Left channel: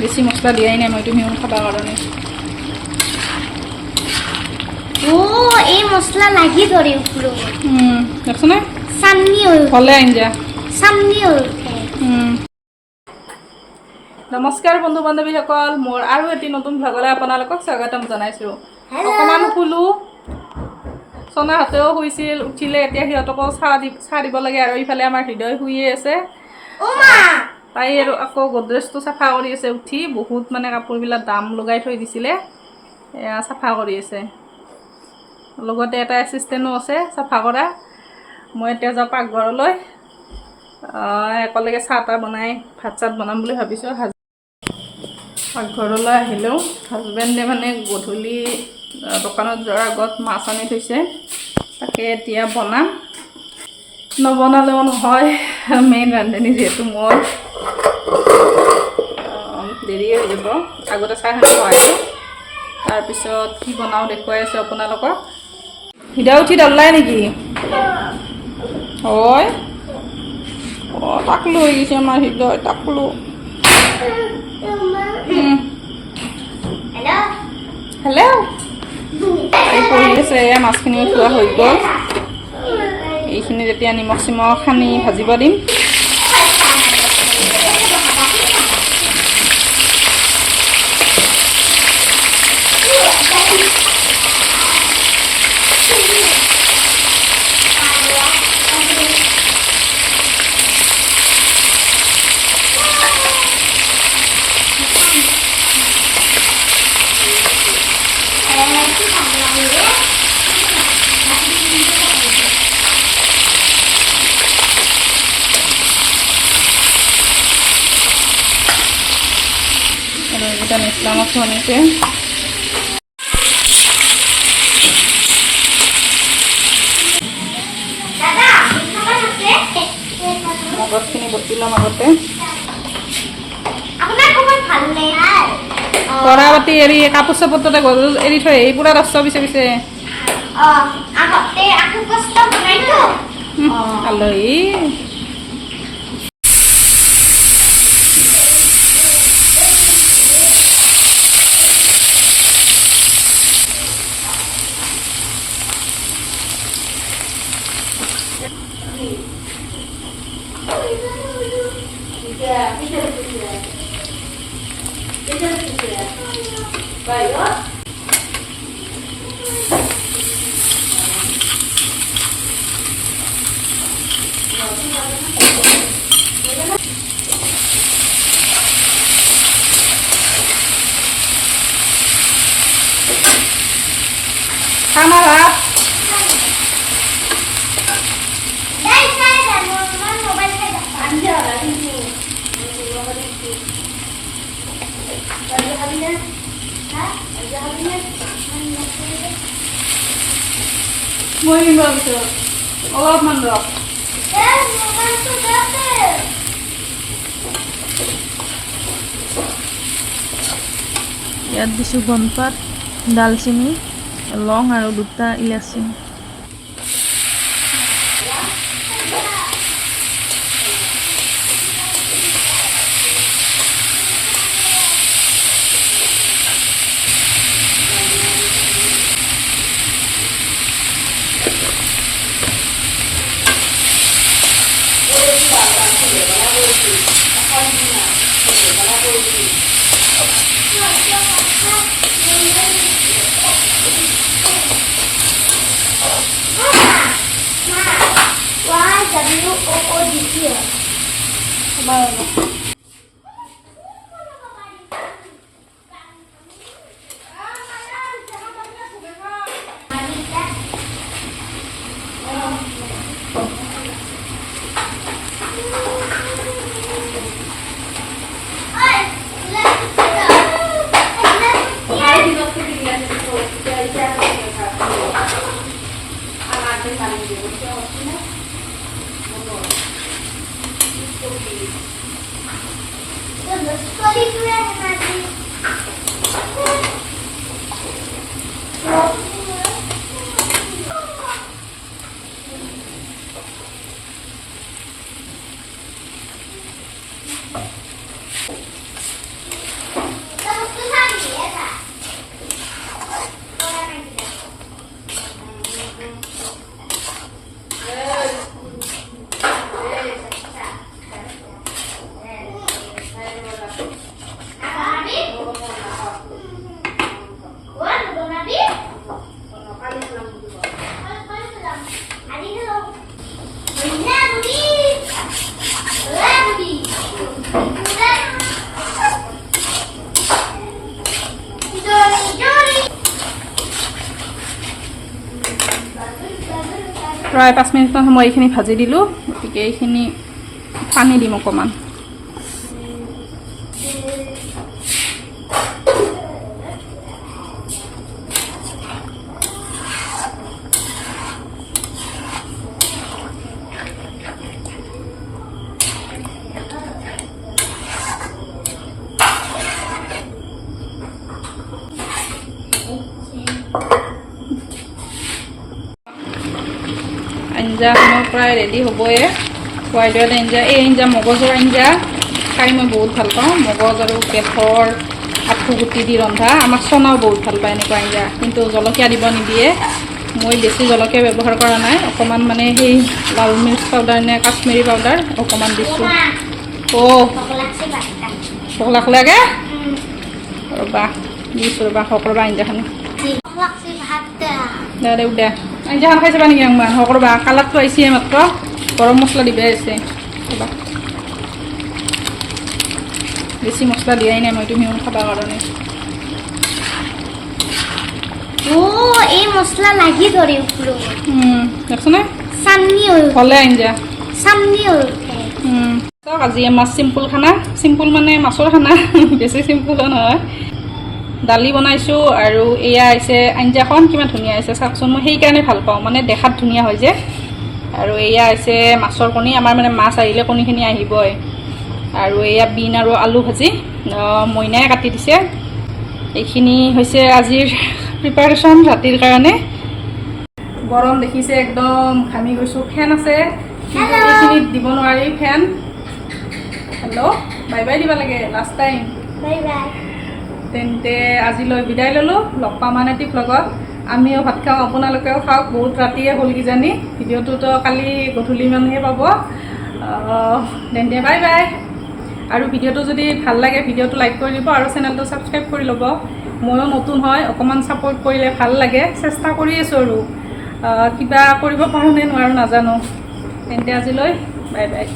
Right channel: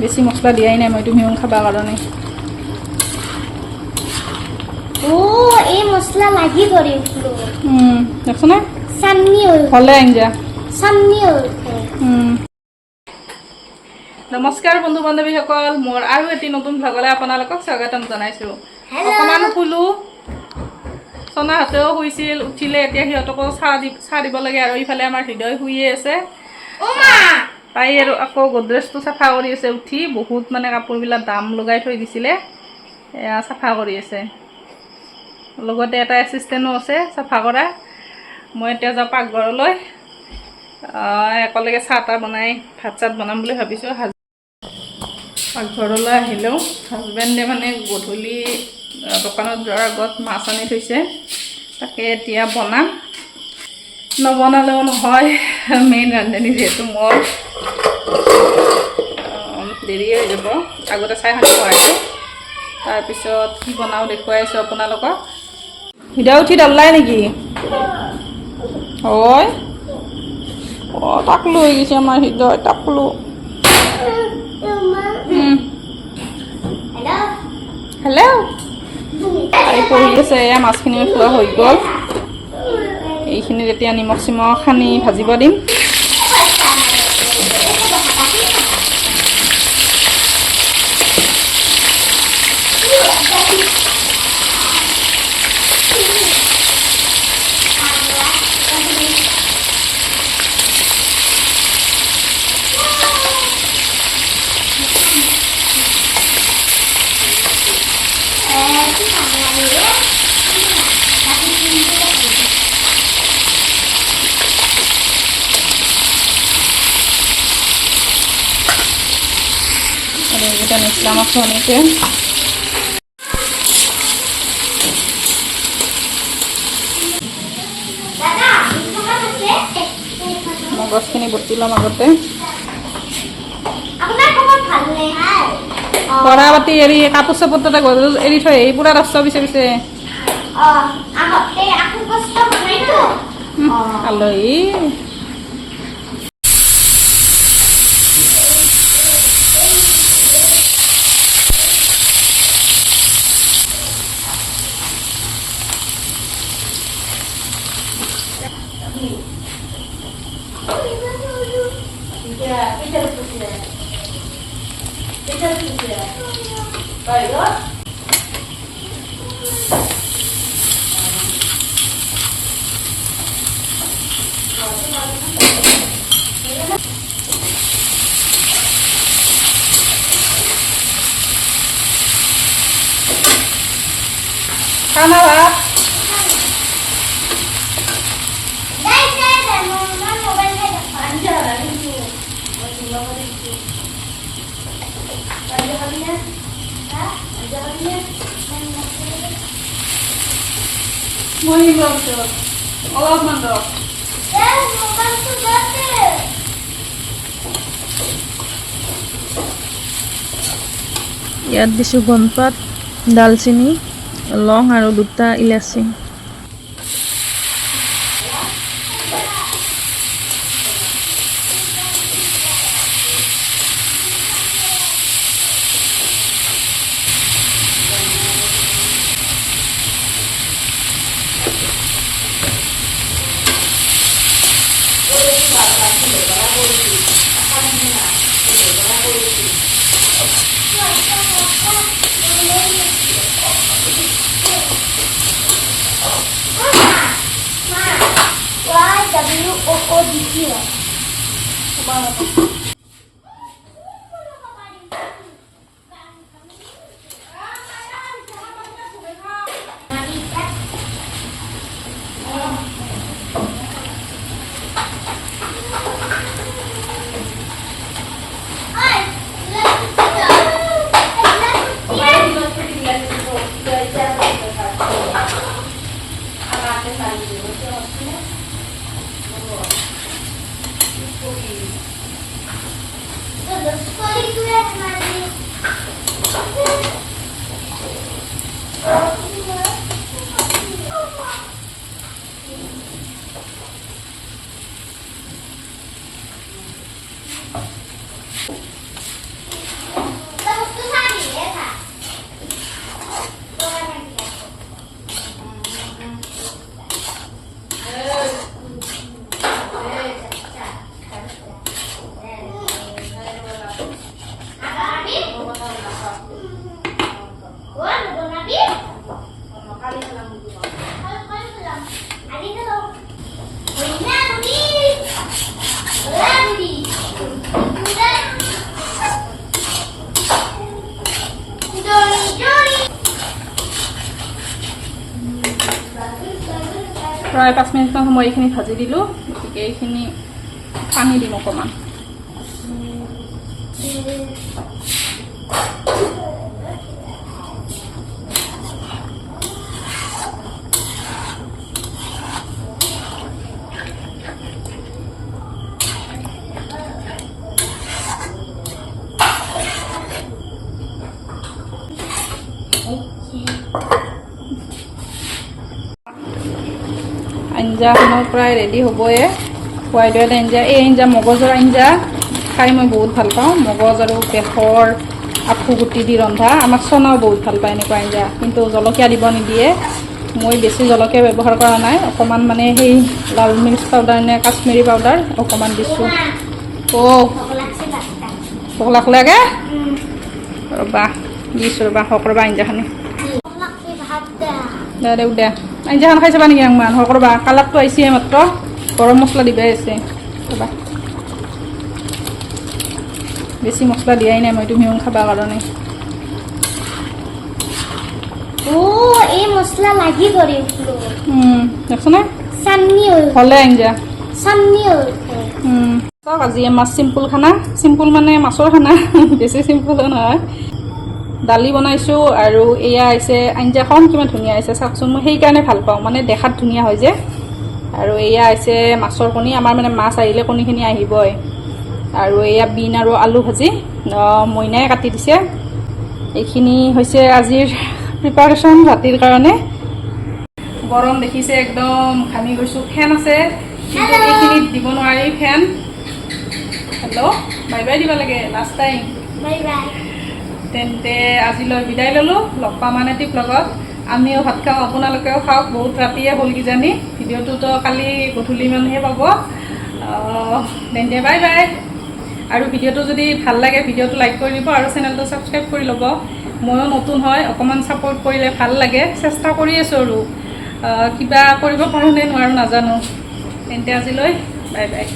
বেছি মছলা দিয়াই নাই মই তুমিও খাবা কাৰণে ও এই মছলা লাগি ধৰে উঠলো দেখছ না সামনি হলে আঞ্জা সামনি নমস্কাৰ বন্ধু বান্ধৱীসকল মোৰ আৰু এটি নতুন ভ্লগলৈ আপোনালোকক স্বাগতম জনাইছোঁ অকমান শুলো সোনাহঁতেও শুইছিল উঠিলে এতিয়া সিহঁতকো চাহ দিব লাগে আৰু ইফালে আমাৰ হৃদয় শুইয়ে আছে তাই আৰু আকৌ গডৰেজটো চাফা কৰি আছে উঠি বহুত মানে কাপোৰবিলাক দাম লগাই থৈ দিছিলে এয়া চাফা কৰি আছে লগতে এটা এছিষ্টেণ্টো আছে চাফা কৰা মই এতিয়া যাওঁ পাকঘৰলৈ একেলগে চাহ তাহ বনাই ভাত চাত বনাম বুলি ভাবিছোঁ পাকঘৰলৈ আহিলেও হাজবেণ্ডে মানে গধূলি দোকানত যোৱাৰ আগত মাছ আনি থৈছে তাকে এতিয়া বনাম নবনালেও নহয় মেইন ৰান্ধনি যিহেতু মই দেৰিয়ে হৈ যাব আগতে চাহখিনি খুৱাই দিওঁ তাৰপিছত কি বনাওঁ দেখুৱাই আছোঁ আপোনালোকক হৃদয় উঠি দল্লাই নেকি হয় তাক লৈ গৈছে আমাৰ হৃদয় তাক লো হেল্ল' তাই পঢ়ি আছে এয়া মাছখিনি খোৱা হৈ গ'ল এইখিনি যেতিয়া নিমখ চিমখ সানি ভাজিব দিম এটা নিচলাম খনিতে মগজখিনি বটি ল'ম আগতে কৰা বাতি এৰি কাপোৰ চাপোৰ তাতে গধূলি এৰি থৈ আহি পুৰা ৰাস্তা পিছে পিছে আলহী Kamera. Mau yang berapa? Allah mandor. ইয়াত দিছোঁ বনপাত দালচিনি লং আৰু দুটা ইলাচি প্ৰায় 5 মিনিটমান সময় এইখিনি ভাজি দিলোঁ গতিকে এইখিনি পানী দিম অকণমান আঞ্জাখনো প্ৰায় ৰেডি হ'বই হোৱাইট হোৱাইট আঞ্জা এই আঞ্জা মগজৰ আঞ্জা খাই মই বহুত ভাল পাওঁ মগজ আৰু বেসৰ আঁঠু গুটি দি ৰন্ধা আমাৰ চনাও বহুত ভাল পায় এনেকুৱা আঞ্জা কিন্তু জলকীয়া দিব নিদিয়ে মই বেছি জলকীয়া ব্যৱহাৰ কৰা নাই অকণমান মানে সেই লাল মিৰ্চ পাউডাৰ নে কাশ্মীৰী পাউডাৰ অকণমান দিছোঁ ভোক লাগে ৰ'বা দিছোঁ ৰ'বা হওক ৰ'বা আঞ্জাখিনি দে দে দে আঞ্জাখন খাই চাবা নেকি একমান হওক ৰ'বা কালাৰটো আহিছে মাত্ৰ গৰম মছলা দিবাই আছে ৰ'বা বেছি মছলা দিয়াই নাই মই তুমিও খাবা কাৰণে এই মছলা লাগি ধৰি উঠলো দেখছনে চান্নি হ'লে আঞ্জা চান্নি চাওক আজি আমাৰ চিম্পুল খানা চিম্পুল মানে মাছৰ খানা বেছি চিম্পুলো নহয় দালি বনাইছোঁ আৰু এয়া হৈছে আঞ্জাখন কিমান ধুনীয়া হৈছে চাওকচোন মই সেইকাৰণে ভাল পাওঁ মানে দেখাত ধুনীয়া হয় যে আৰু এয়া হৈছে মাছৰ কণী আমাৰ মানে মাছ আহিলে কণীখিনি আহিবই আৰু এয়া বিন আৰু আলু ভাজি মইনাই কাটি দিছে এইখিনি হৈছে আজিৰ প্ৰিপাৰেশ্যন ৰাতিৰ কাৰণে গৰম দেখিছে একদম ঘামি গৈছোঁ ফেন আছে কিন্তু এইখিনিত দিব নোৱাৰি ফেন হেল্ল' বাই বাই দিব লাগে লাষ্ট টাইম বাই বাই তেন্তে আজিলৈ বিদায় ল'লোঁ লগ পাম আন এটি ব্লগত আমিও ভাত খাওঁ আপোনালোকেও খাওক বহুত ৰাতিয়ে হ'ল কিজানি ভিডিঅ'টোতো কালি গধূলি মানহে পাব তেন্তে বাই বাই আৰু ভিডিঅ'টো যদি ভাল লাগে ভিডিঅ'টো লাইক কৰি দিব আৰু চেনেলটো ছাবস্ক্ৰাইব কৰি ল'ব ময়ো নতুন হয় অকণমান ছাপোৰ্ট কৰিলে ভাল লাগে চেষ্টা কৰি আছোঁ আৰু কিবা কৰিব পাৰোঁ নে নোৱাৰোঁ নাজানো তেন্তে আজিলৈ বাই বাই